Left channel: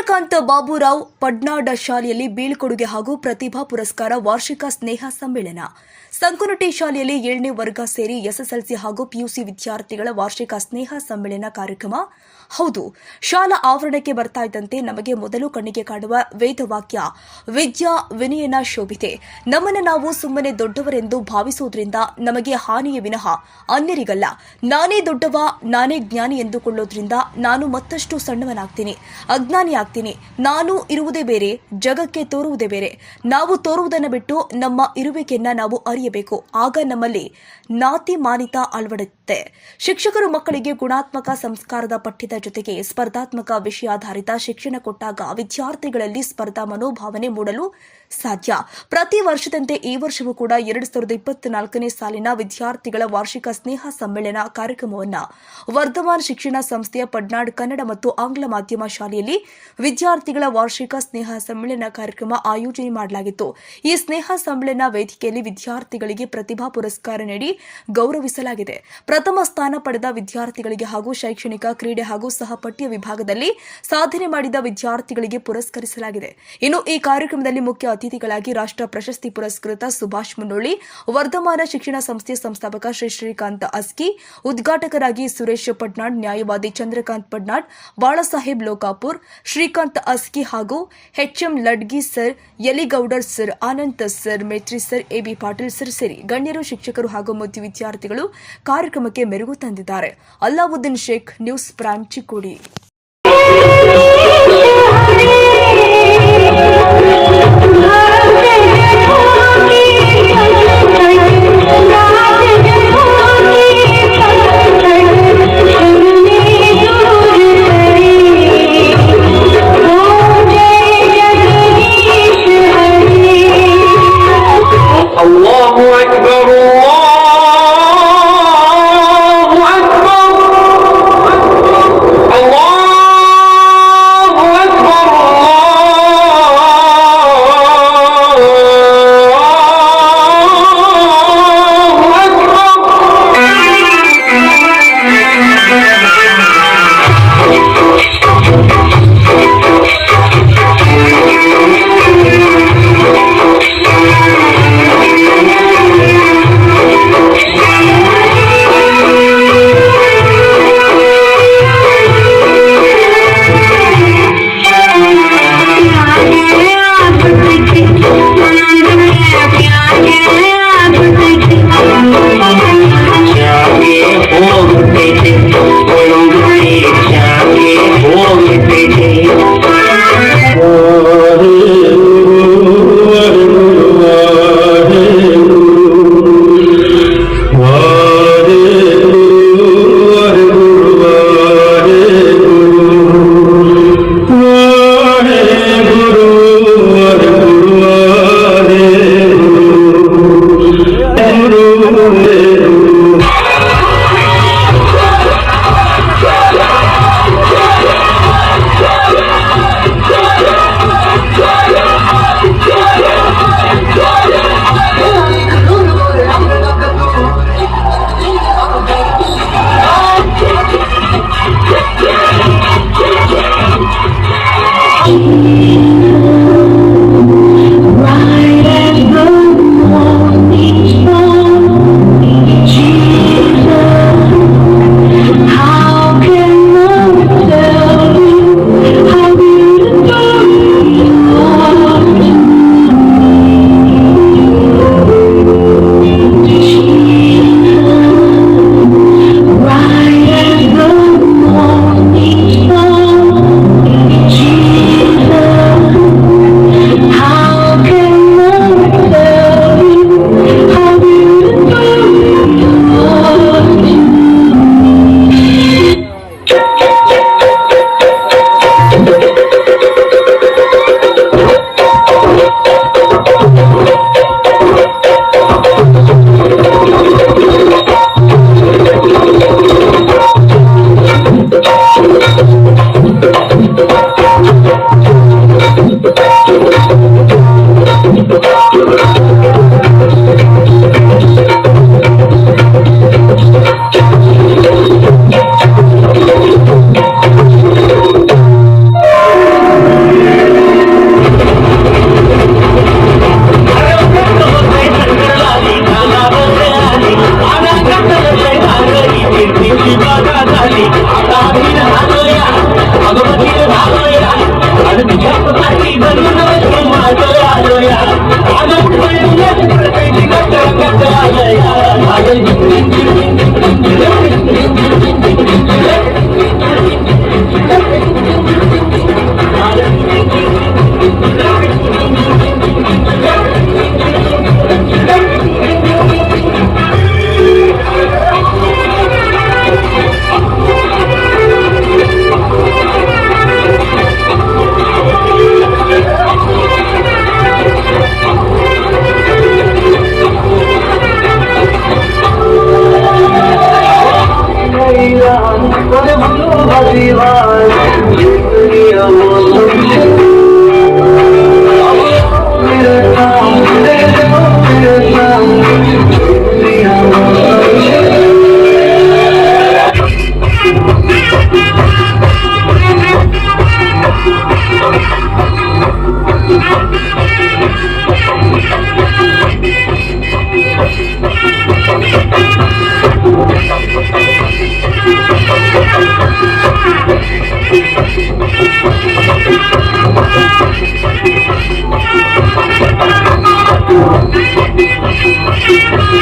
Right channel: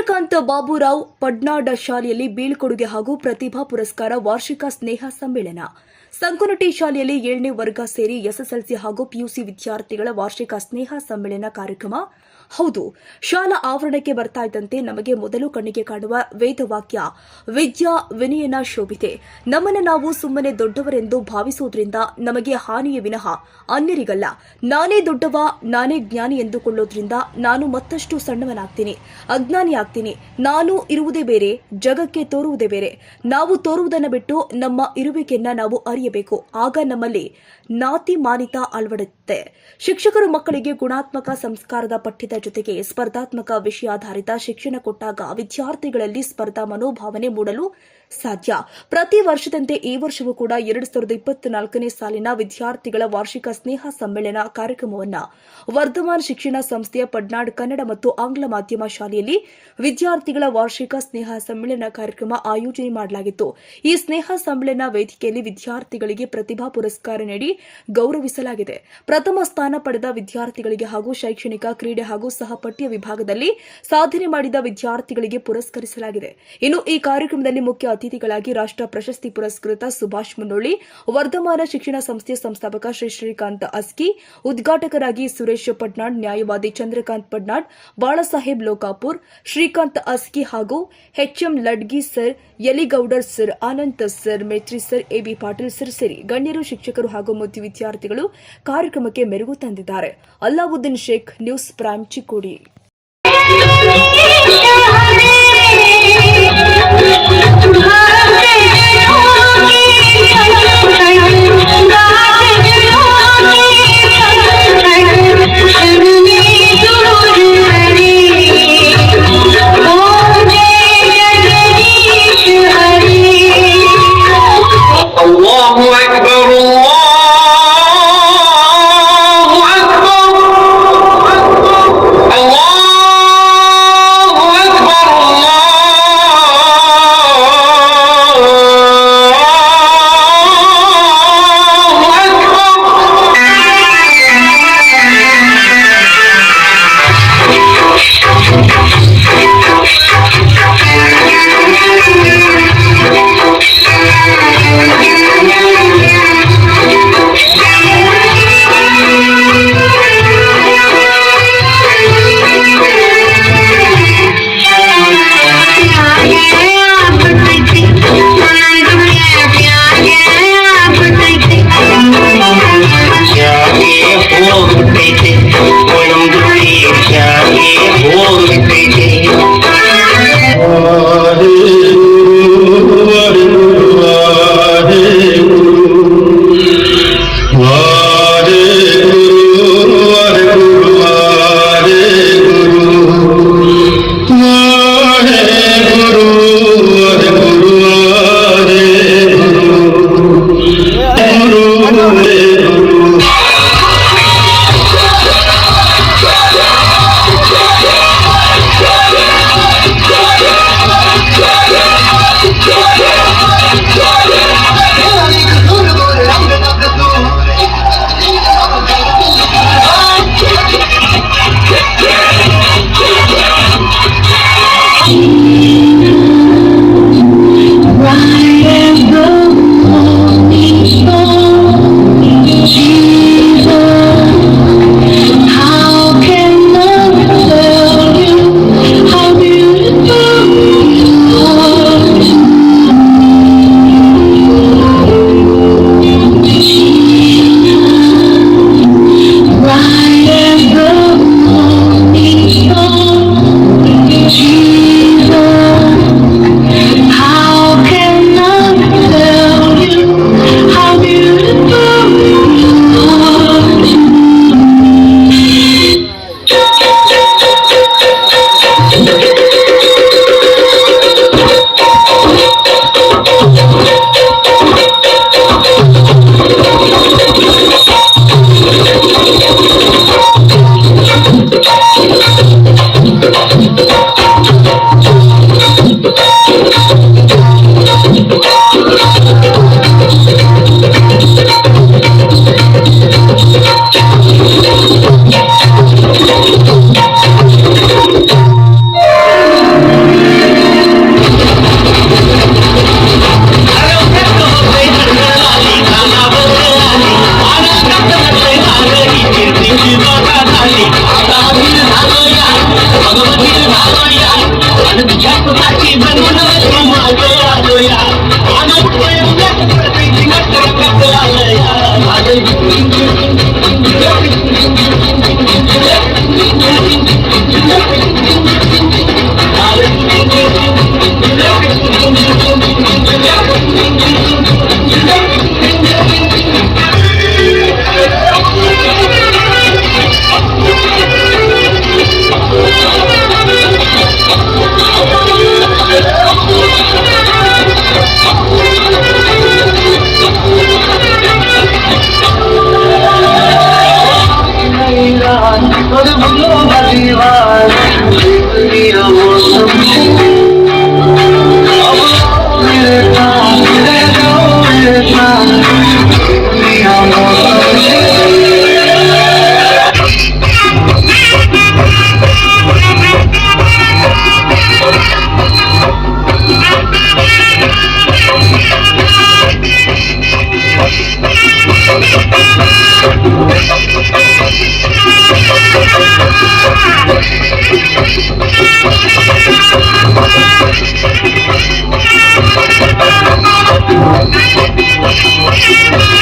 ಚಂದ್ರಕಾಂತ್ ಬಾಬುರಾವ್ ಪಡ್ನಾಡ ಶಾಲೆಯಲ್ಲಿ ಬೀಳ್ಕೊಡುಗೆ ಹಾಗೂ ಪ್ರತಿಭಾ ಪುರಸ್ಕಾರ ವಾರ್ಷಿಕ ಸ್ನೇಹ ಸಮ್ಮೇಳನ. ಸಂಕುನಟಿ ಶಾಲೆಯಲ್ಲಿ ಏಳನೇ ವರ್ಗ ಸೇರಿ ಎಸ್ಎಸ್ಎಲ್ಸಿ ಹಾಗೂ ಪಿಯುಸಿ ವಿದ್ಯಾರ್ಥಿಗಳ ವಾರ್ಷಿಕ ಸ್ನೇಹ ಸಮ್ಮೇಳನ ಕಾರ್ಯಕ್ರಮ ಹೌದು, ಶಾಲಾ ಆವರಣಕ್ಕೆ ಬರ್ತಾ ಇದ್ದಂತೆ ನಮಗೆ ಮೊದಲು ಕಣ್ಣಿಗೆ ಕಾಣುವ ವೇದವಾಕ್ಯ, ವಿದ್ಯಾ ವಿನಯನ ಶೋಭಿತೆ. ನಮ್ಮನ್ನು ನಾವು ಸುಮ್ಮನೆ ದೊಡ್ಡವರೆಂದು ಭಾವಿಸುವುದರಿಂದ ನಮಗೆ ಹಾನಿಯ ವಿನಃ ಅನ್ಯರಿಗಲ್ಲ, ನಾನೇ ದೊಡ್ಡವ, ನಾನೇ ಜ್ಞಾನಿ ಎಂದುಕೊಳ್ಳೋದ್ರಿಂದ ನಾನು ಮತ್ತಷ್ಟು ಸಣ್ಣವನಾಗ್ತೀನಿ, ಅಜ್ಞಾನಿ ಆಗ್ತೀನಿ. ನಾನು ಇರುವುದೇ ಬೇರೆ, ಜಗಕ್ಕೆ ತೋರುವುದೇ ಬೇರೆ. ನಾವು ತೋರುವುದನ್ನು ಬಿಟ್ಟು ನಮ್ಮ ಇರುವಿಕೆಯನ್ನ ನಾವು ಅರಿಯಬೇಕು. ಆಗ ನಮ್ಮಲ್ಲಿ ನಾತಿ ಮಾನಿತ ಅಳವಡುತ್ತೆ ಶಿಕ್ಷಕರು ಮಕ್ಕಳಿಗೆ ಗುಣಾತ್ಮಕ ಸಂಸ್ಕಾರದ ಪಠ್ಯದ ಜೊತೆಗೆ ಸ್ಪರ್ಧಾತ್ಮಕ ವಿಷಯಾಧಾರಿತ ಶಿಕ್ಷಣ ಕೊಟ್ಟಾಗ ವಿದ್ಯಾರ್ಥಿಗಳಲ್ಲಿ ಸ್ಪರ್ಧಾ ಮನೋಭಾವನೆ ಮೂಡಲು ಸಾಧ್ಯ. ಪ್ರತಿ ವರ್ಷದಂತೆ ಈ ವರ್ಷವೂ ಕೂಡ ಎರಡು ಸಾವಿರದ ಇಪ್ಪತ್ನಾಲ್ಕನೇ ಸಾಲಿನ ವಿದ್ಯಾರ್ಥಿಗಳ ವಾರ್ಷಿಕ ಸ್ನೇಹ ಸಮ್ಮೇಳನ ಕಾರ್ಯಕ್ರಮವನ್ನು ವರ್ಧಮಾನ್ ಶಿಕ್ಷಣ ಸಂಸ್ಥೆಯ ಪಡ್ನಾಡ್ ಕನ್ನಡ ಮತ್ತು ಆಂಗ್ಲ ಮಾಧ್ಯಮ ಶಾಲೆಯಲ್ಲಿ ವಿದ್ಯಾರ್ಥಿಗಳ ವಾರ್ಷಿಕ ಸ್ನೇಹ ಸಮ್ಮೇಳನ ಕಾರ್ಯಕ್ರಮ ಆಯೋಜನೆ ಮಾಡಲಾಗಿತ್ತು. ಈ ಸ್ನೇಹ ಸಮ್ಮೇಳನ ವೇದಿಕೆಯಲ್ಲಿ ವಿದ್ಯಾರ್ಥಿಗಳಿಗೆ ಪ್ರತಿಭಾ ಪುರಸ್ಕಾರ ನೀಡಿ ಗೌರವಿಸಲಾಗಿದೆ. ಪ್ರಥಮ ಸ್ಥಾನ ಪಡೆದ ವಿದ್ಯಾರ್ಥಿಗಳಿಗೆ ಹಾಗೂ ಶೈಕ್ಷಣಿಕ ಕ್ರೀಡೆ ಹಾಗೂ ಸಹಪಠ್ಯ ವಿಭಾಗದಲ್ಲಿ ಸಾಧನೆ ಮಾಡಿದ ವಿದ್ಯಾರ್ಥಿಗಳಿಗೆ ಪುರಸ್ಕರಿಸಲಾಗಿದೆ. ಇನ್ನು ಈ ಕಾರ್ಯಕ್ರಮದಲ್ಲಿ ಮುಖ್ಯ ಅತಿಥಿಗಳಾಗಿ ರಾಷ್ಟ್ರ ಪ್ರಶಸ್ತಿ ಪುರಸ್ಕೃತ ಸುಭಾಷ್ ಮುನ್ನೋಳಿ, ವರ್ಧಮಾನ ಶಿಕ್ಷಣ ಸಂಸ್ಥೆ ಸಂಸ್ಥಾಪಕ ಶ್ರೀ ಶ್ರೀಕಾಂತ್ ಅಸ್ಕಿ, ಉದ್ಘಾಟಕರಾಗಿ ಸುರೇಶ್ ಪಟ್ನಾಡ್, ನ್ಯಾಯವಾದಿ ಚಂದ್ರಕಾಂತ್ ಪಟ್ನಾಡ್, ಬಾಳಸಾಹೇಬ್ ಲೋಕಾಪುರ್, ಶ್ರೀಕಾಂತ್ ಅಸ್ಕಿ ಹಾಗೂ HM Ladgi sir, Yaligowdar sir Anand sir, Metri sir, AB Patil sir ಸೇರಿ ಗಣ್ಯರು, ಶಿಕ್ಷಕರು ಹಾಗೂ ಮುದ್ದು ವಿದ್ಯಾರ್ಥಿಗಳು ಕಾರ್ಯಕ್ರಮಕ್ಕೆ ಮೆರುಗು ತಂದಿದ್ದಾರೆ. Allauddin Sheikh, news prime Kuroishi I'm Thank you.